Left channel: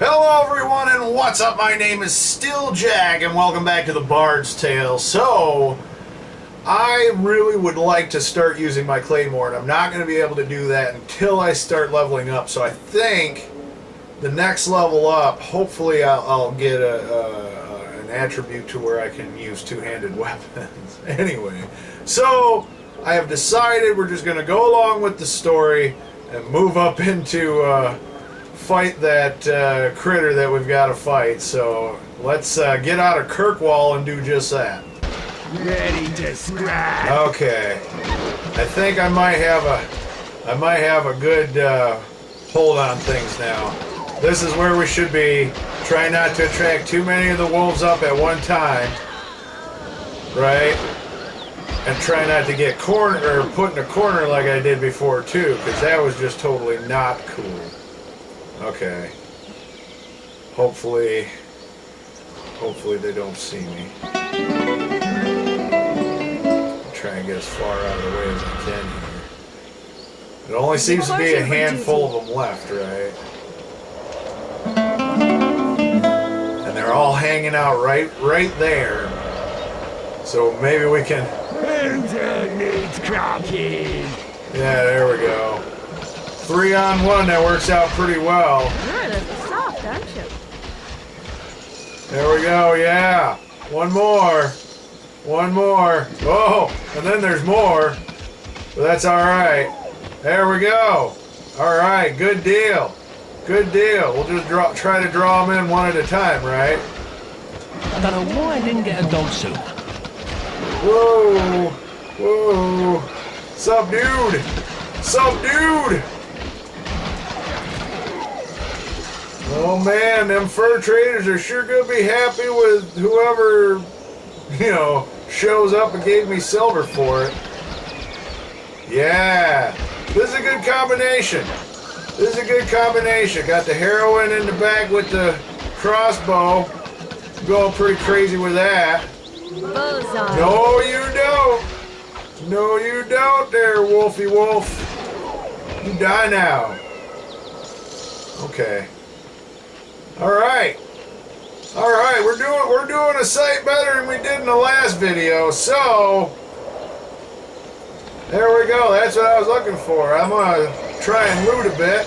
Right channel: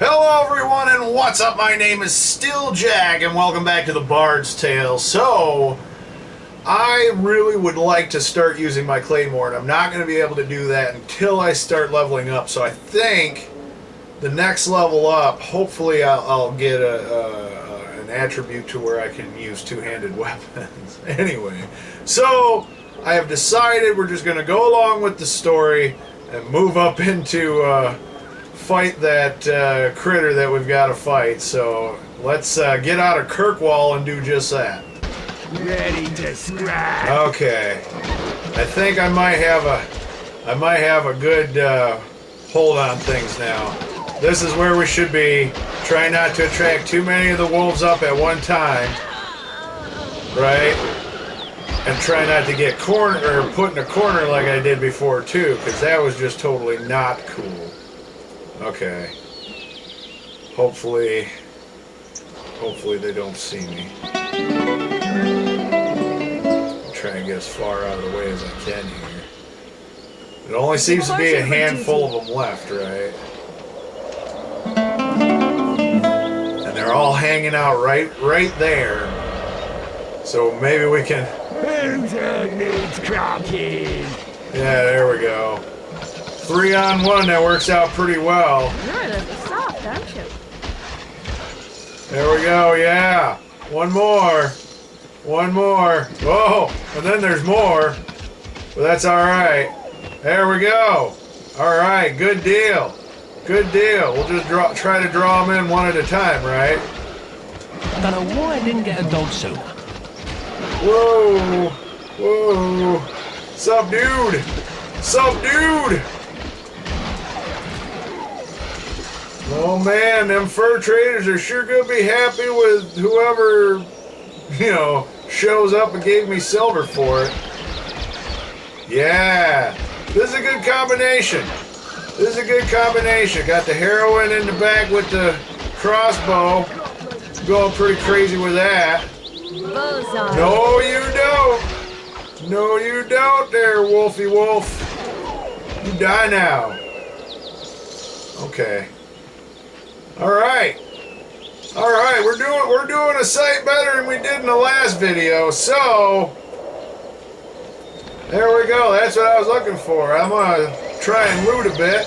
Hello everyone and what's up? My name is still Jack and welcome back to the Bard's Tale. So, I really would like to start using my Claymore and I'm not going to be able to do that until I start leveling up. So I think the next level up, hopefully I'll get an attribute to where I can use two-handed weapons. Anyway, so I have decided we're just going to go along with the story and move up into... fight that critter that we've got to fight. So let's get out of Kirkwall and do just that. Ready to scrap. Okay, I think I might have a good hold on things now. This is where we should be. Try not to attract too many of the wolves up at one time, right? And try not to get put in a corner like I did before too, because that was just totally not cool. Okay. Hopefully they don't see me. Try and get as far out of the way as I can here. It only seems to be a handful of them left, right? And they're all hanging out right there. So maybe we can... Who needs cracking? Yeah, there we go. 3-on-1, that works out pretty well. You're a little soft, aren't you? There we go, yeah. One more. Whoa, and then there's more. But that's alright. There we go. Alright, good deal. We'll just try to draw them in one at a time, right? I don't know why I didn't get a dog soup. Whoa. Sup, dude? Oh man, them fur traders are sure gonna be happy with whoever, shows up and gave me silver for it. Yeah, this is a good combination. Got the heroin in the back with the crossbow. Going pretty crazy with that. Bullseye. No, you don't there, Wolfie Wolf. You die now. Okay. All right, we're doing a sight better than we did in the last video, so there we go, that's what I was looking for. I'm gonna try and loot a bit.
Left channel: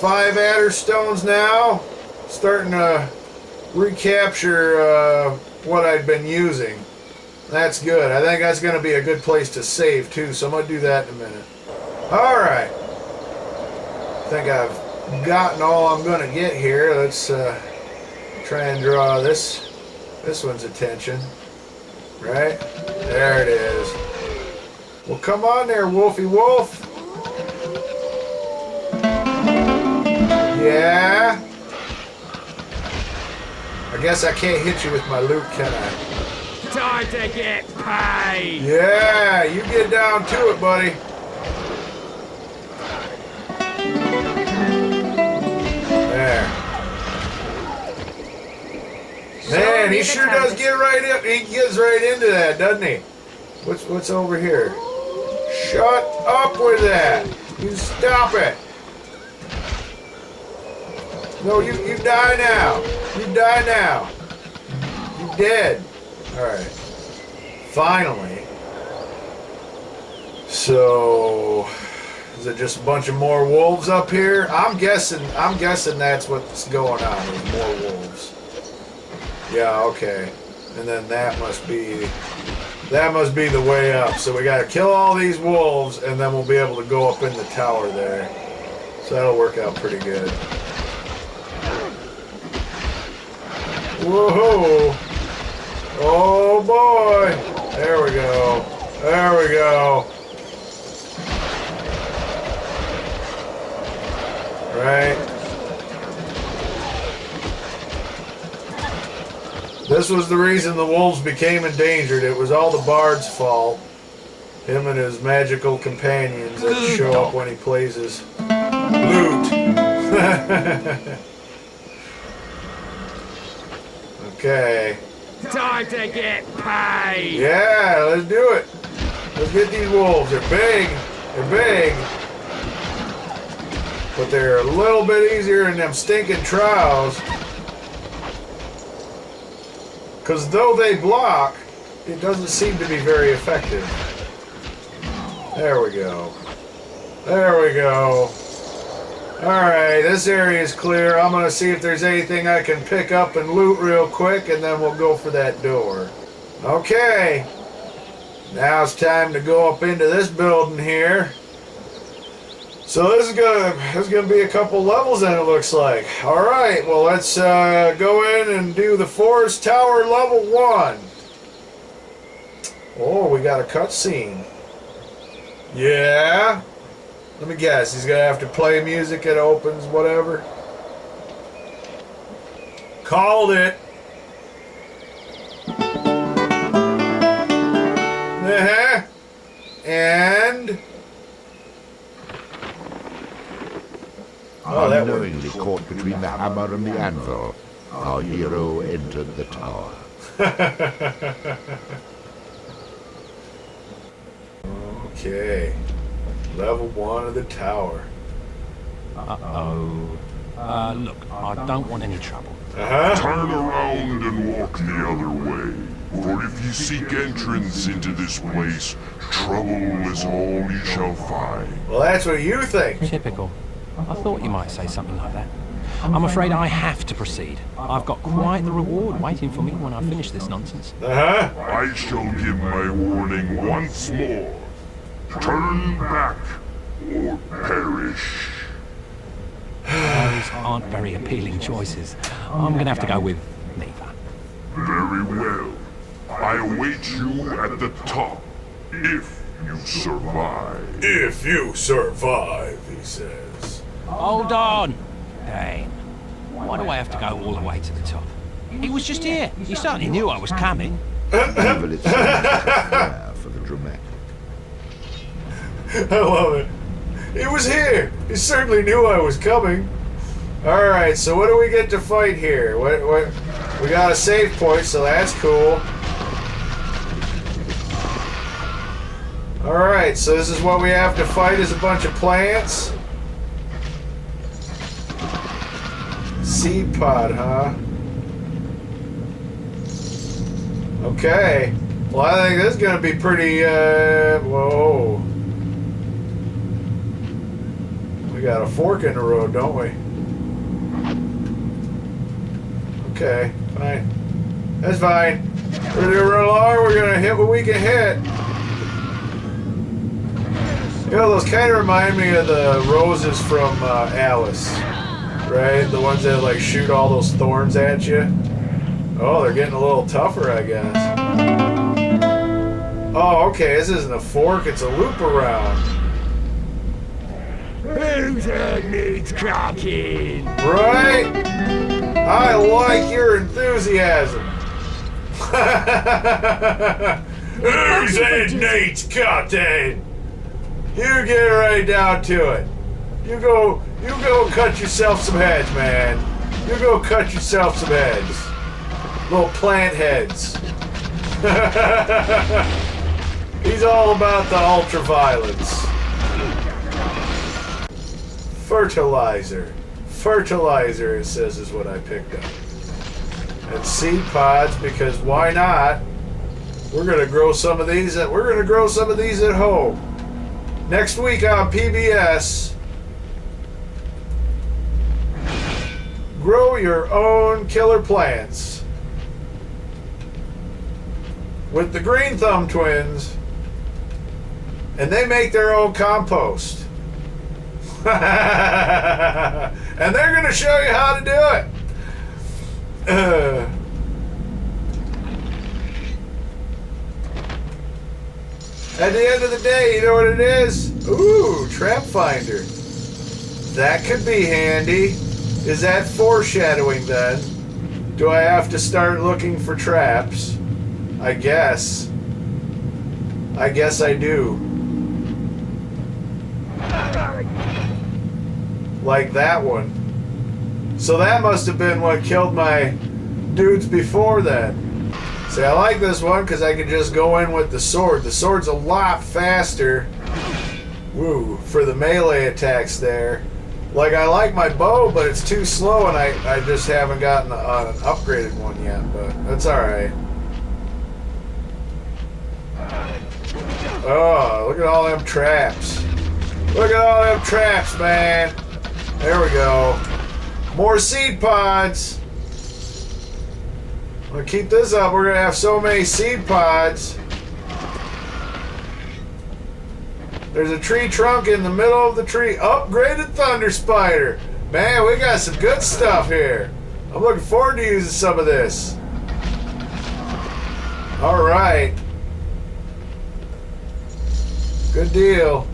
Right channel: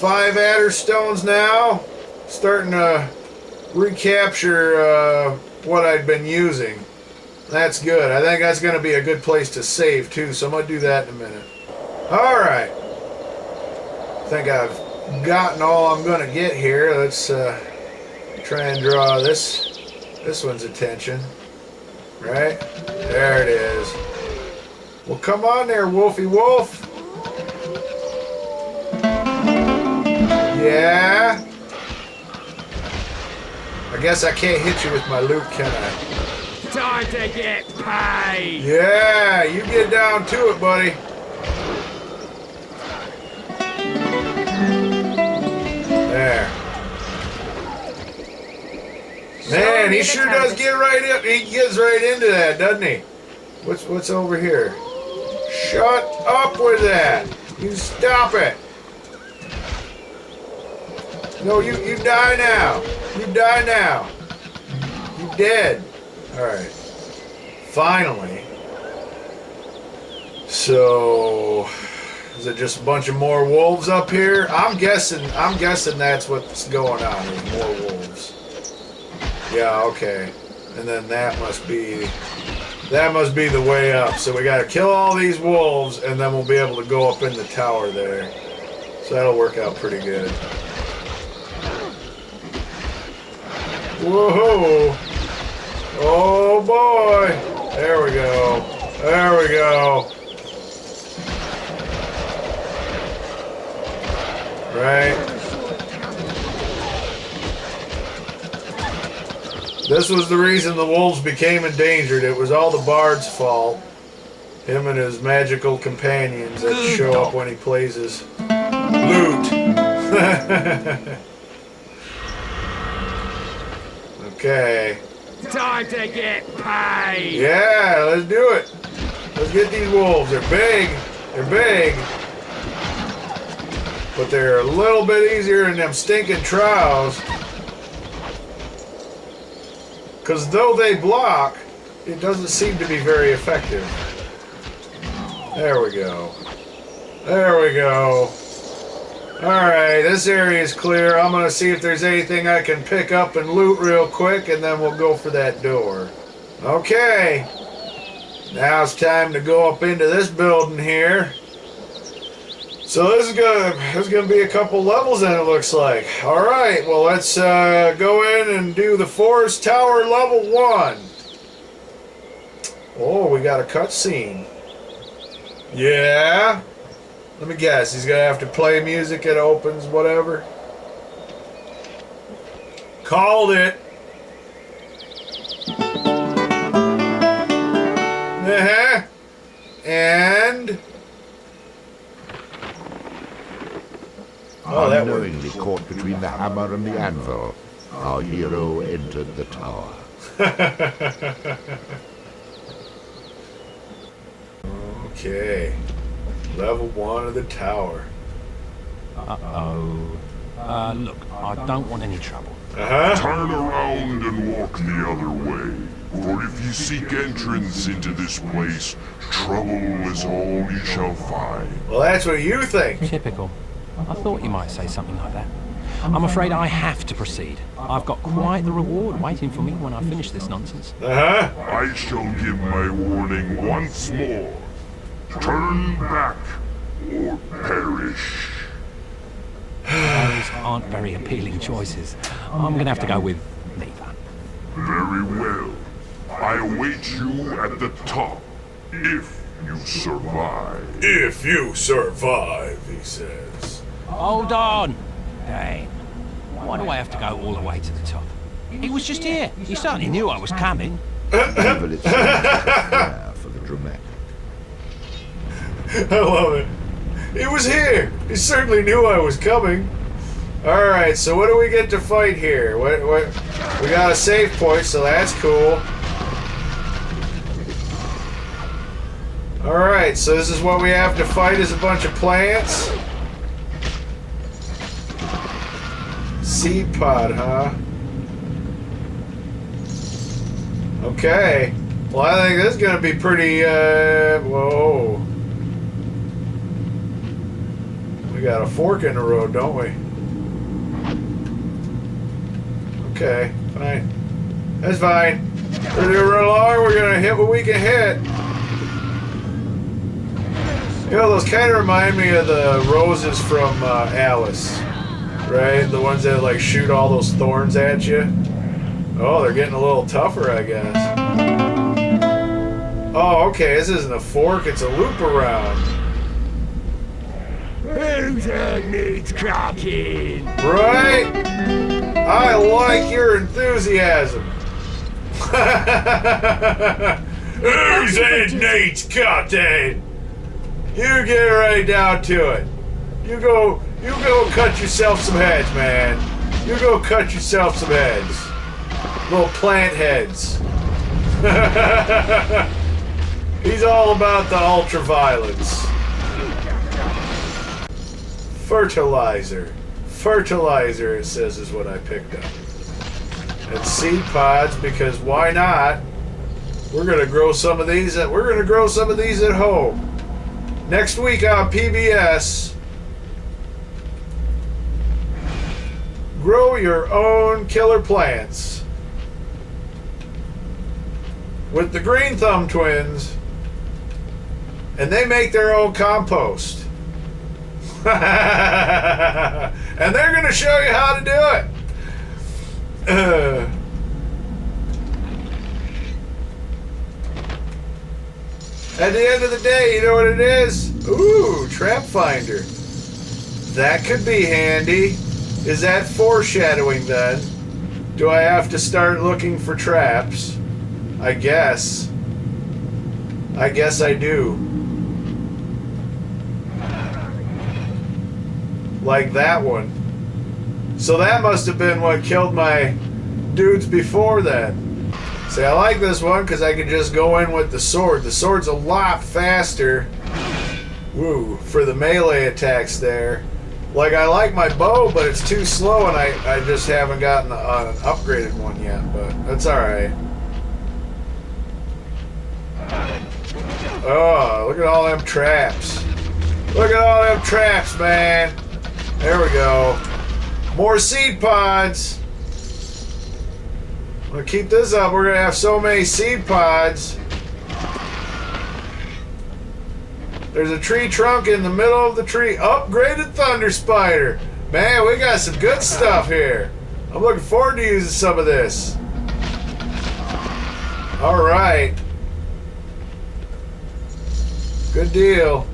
5 adder stones now, starting to recapture what I'd been using. That's good. I think that's gonna be a good place to save too, so I'm gonna do that in a minute. All right, I think I've gotten all I'm gonna get here. Let's try and draw this one's attention. Right? There it is. Well, come on there, Wolfie Wolf. Yeah. I guess I can't hit you with my loot, can I? Time to get paid. Yeah, you get down to it, buddy. Man, he sure does get right up. He gets right into that, doesn't he? What's over here? Shut up with that. You stop it. No, you die now. You dead. All right. Finally. So, is it just a bunch of more wolves up here? I'm guessing that's what's going on. There's more wolves. Yeah, okay. And then that must be the way up. So we gotta kill all these wolves and then we'll be able to go up in the tower there. So that'll work out pretty good. Whoa! Oh boy! There we go. Right. This was the reason the wolves became endangered. It was all the Bard's fault. Him and his magical companions that show up when he plays his lute. Okay. Time to get paid. Yeah, let's do it. Let's get these wolves. They're big. but they're a little bit easier in them stinking trials. Because though they block, it doesn't seem to be very effective. There we go. There we go. Alright, this area is clear. I'm going to see if there's anything I can pick up and loot real quick, and then we'll go for that door. Okay. Now it's time to go up into this building here. So this is gonna be a couple levels then, it looks like. Alright, well let's go in and do the Forest Tower level 1. Oh, we got a cutscene. Yeah? Let me guess, he's gonna have to play music, it opens, whatever. Called it. Uh-huh. And... Oh, that Unknowingly caught between the hammer and the anvil, our hero entered the tower. Okay. Level 1 of the tower. Uh-oh. Look, I don't want any trouble. Uh-huh. Turn around and walk the other way. For if you seek entrance into this place, trouble is all you shall find. Well, that's what you think. Typical. I thought you might say something like that. I'm afraid I have to proceed. I've got quite the reward waiting for me when I finish this nonsense. Uh-huh. I shall give my warning once more. Turn back or perish. Those aren't very appealing choices. I'm going to have to go with neither. Very well. I await you at the top, if you survive. If you survive, he says. Hold on! Dang. Why do I have to go all the way to the top? He was just here. He certainly knew I was coming. Evil itself has a flair for the dramatic. I love it. He was here. He certainly knew I was coming. Alright, so what do we get to fight here? What? We got a save point, so that's cool. Alright, so this is what we have to fight, is a bunch of plants. Seed pod, huh? Okay. Well, I think this is gonna be pretty, whoa. We got a fork in the road, don't we? Okay, fine. That's fine. We're gonna run along, we're gonna hit what we can hit. You know, those kind of remind me of the roses from Alice. Right? The ones that like shoot all those thorns at you. Oh, they're getting a little tougher, I guess. Oh, okay, this isn't a fork, it's a loop around. Whose head needs cracking? Right? I like your enthusiasm. Whose head needs cutting? You get right down to it. You go cut yourself some heads, man. You go cut yourself some heads. Little plant heads. He's all about the ultraviolence. Fertilizer. Fertilizer, it says, is what I picked up. And seed pods, because why not? We're gonna grow some of these at home. Next week on PBS, grow your own killer plants with the Green Thumb twins, and they make their own compost. And they're going to show you how to do it. At the end of the day, you know what it is? Ooh, trap finder. That could be handy. Is that foreshadowing then? Do I have to start looking for traps? I guess. I guess I do. Like that one. So that must have been what killed my dudes before then. See, I like this one because I can just go in with the sword. The sword's a lot faster. Woo, for the melee attacks there. Like, I like my bow, but it's too slow, and I just haven't gotten an upgraded one yet, but that's alright. Oh, look at all them traps. Look at all them traps, man. There we go. More seed pods. I'm gonna keep this up. We're gonna have so many seed pods. There's a tree trunk in the middle of the tree. Upgraded thunder spider. Man, we got some good stuff here. I'm looking forward to using some of this. All right. Good deal.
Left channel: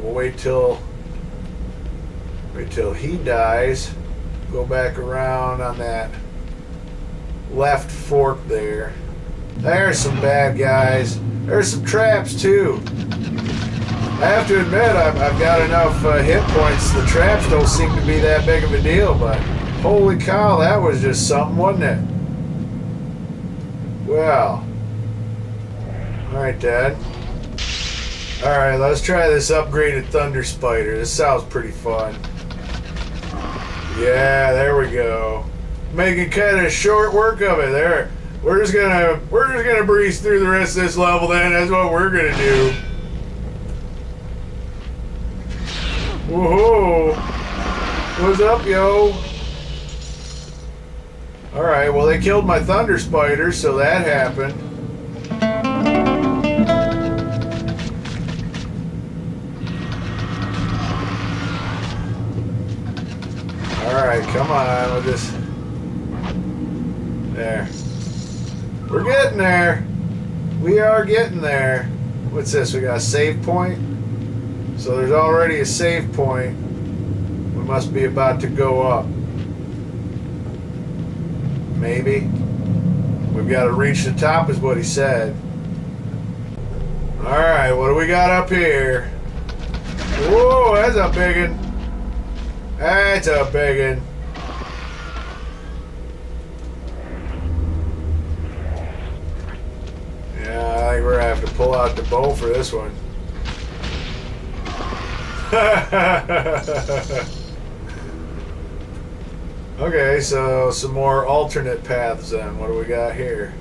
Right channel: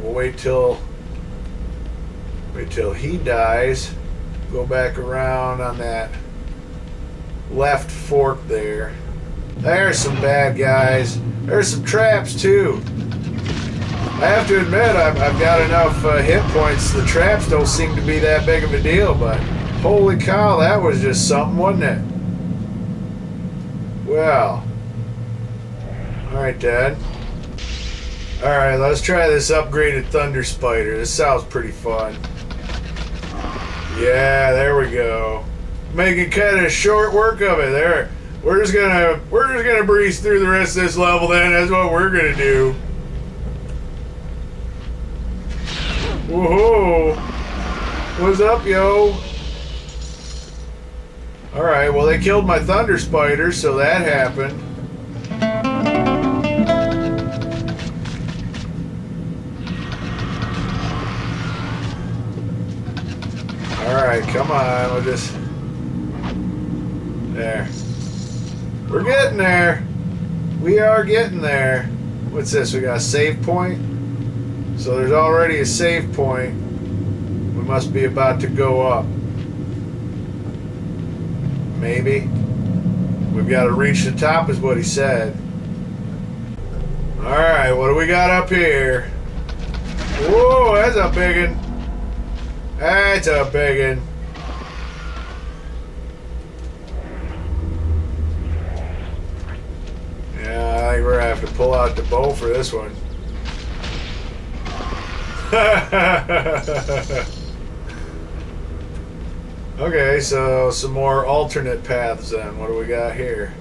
We'll wait till he dies. Go back around on that left fork there. There's some bad guys. There's some traps too. I have to admit, I've got enough hit points. The traps don't seem to be that big of a deal, but holy cow, that was just something, wasn't it? Well. Alright, Dad. Alright, let's try this upgraded thunder spider. This sounds pretty fun. Yeah, there we go. Making kind of short work of it there. We're just gonna breeze through the rest of this level then. That's what we're gonna do. Woohoo! What's up, yo? Alright, well they killed my thunder spider, so that happened. Alright, come on, we'll just... There. We're getting there. We are getting there. What's this? We got a save point? So there's already a save point. We must be about to go up. Maybe. We've got to reach the top is what he said. Alright, what do we got up here? Whoa, that's a big one. That's a big one. Yeah, I think we're gonna have to pull out the bow for this one. Okay, so some more alternate paths then. What do we got here?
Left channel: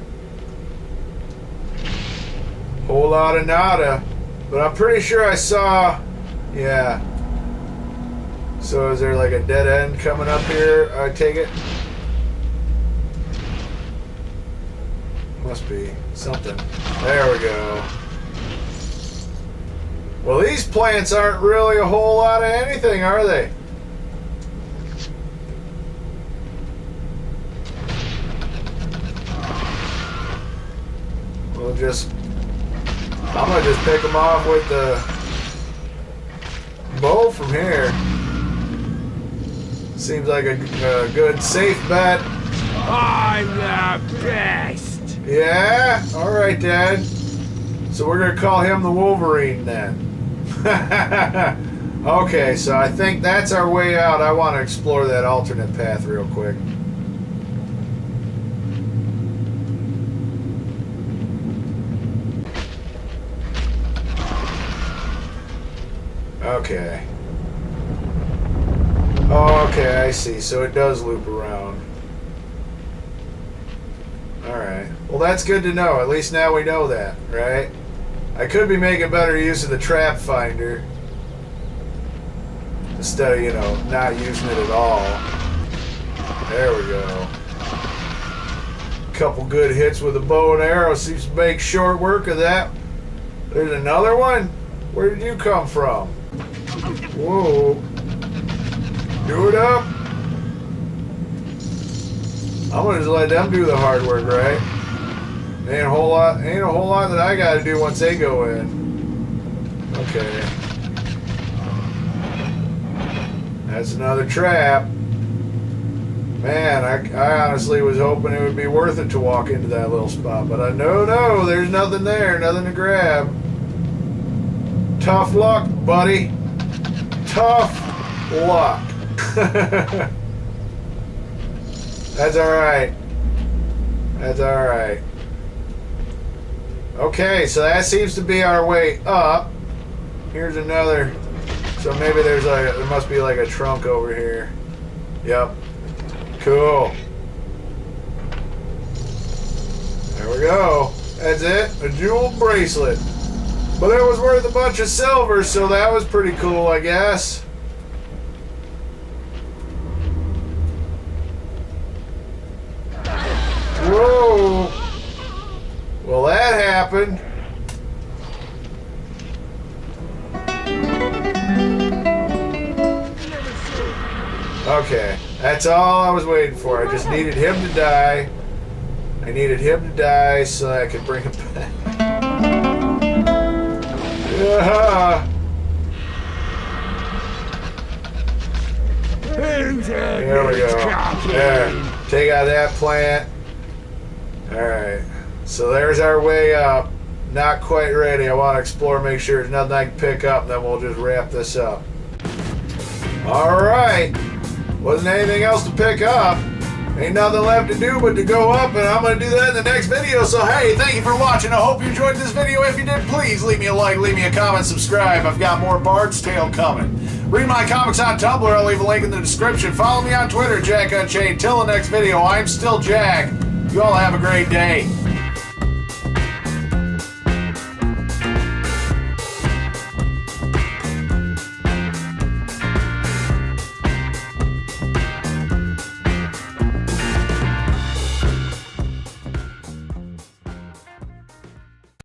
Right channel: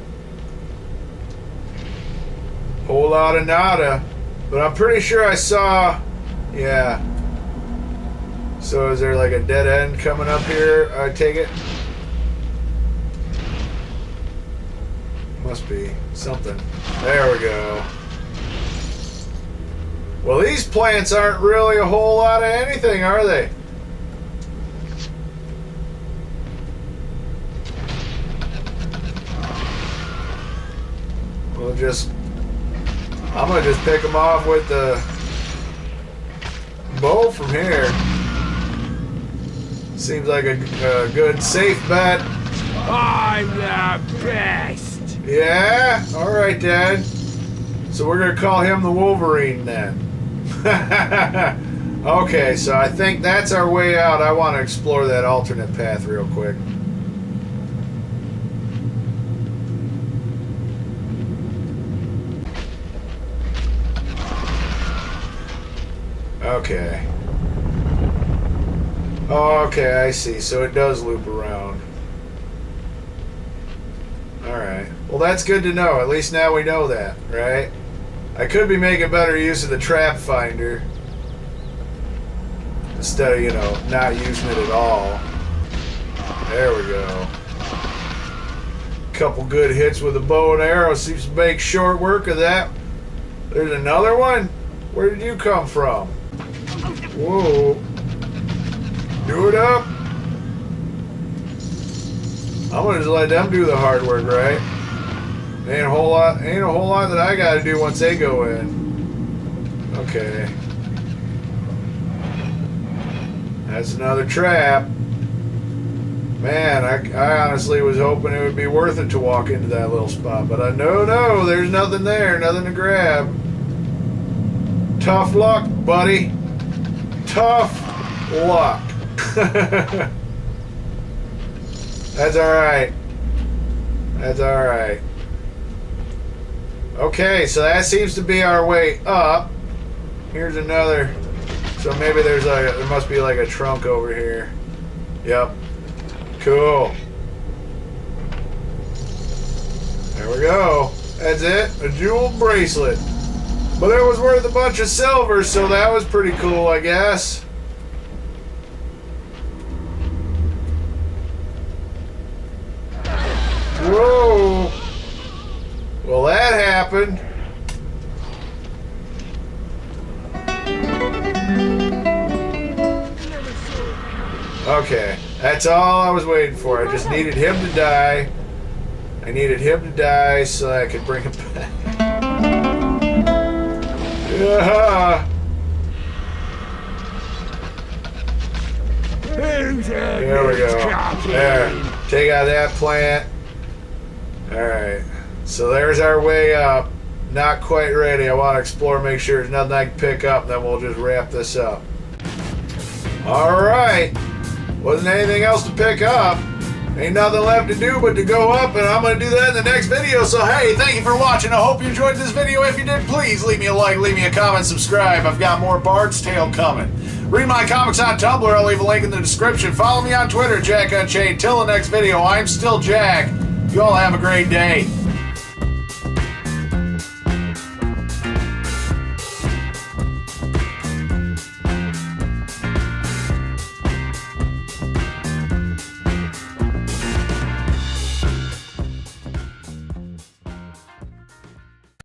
Whole lot of nada. But I'm pretty sure I saw... Yeah. So is there like a dead end coming up here, I take it? Must be something. There we go. Well, these plants aren't really a whole lot of anything, are they? We'll just... I'm gonna just pick them off with the bow from here. Seems like a good, safe bet. I'm the best. Yeah? Alright, Dad. So we're going to call him the Wolverine then. Okay, so I think that's our way out. I want to explore that alternate path real quick. Okay. Oh, okay, I see. So it does loop around. Alright. Well, that's good to know. At least now we know that, right? I could be making better use of the trap finder. Instead of, you know, not using it at all. There we go. Couple good hits with a bow and arrow. Seems to make short work of that. There's another one? Where did you come from? Whoa. Do it up. I'm gonna just let them do the hard work, right? Ain't a whole lot that I gotta do once they go in. Okay. That's another trap. Man, I honestly was hoping it would be worth it to walk into that little spot, but no, there's nothing there, nothing to grab. Tough luck, buddy. Tough luck. That's alright. That's alright. Okay, so that seems to be our way up. Here's another. So maybe there must be like a trunk over here. Yep. Cool. There we go. That's it. A jeweled bracelet. But it was worth a bunch of silver, so that was pretty cool, I guess. Whoa. Well, that happened. Okay, that's all I was waiting for. I just needed him to die. I needed him to die so I could bring him back. Yeah. There we go. There. Take out that plant. Alright. So there's our way up. Not quite ready. I want to explore, make sure there's nothing I can pick up, and then we'll just wrap this up. Alright. Wasn't anything else to pick up. Ain't nothing left to do but to go up, and I'm going to do that in the next video. So, hey, thank you for watching. I hope you enjoyed this video. If you did, please leave me a like, leave me a comment, subscribe. I've got more Bard's Tale coming. Read my comics on Tumblr. I'll leave a link in the description. Follow me on Twitter, Jack Unchained. Till the next video, I'm still Jack. You all have a great day.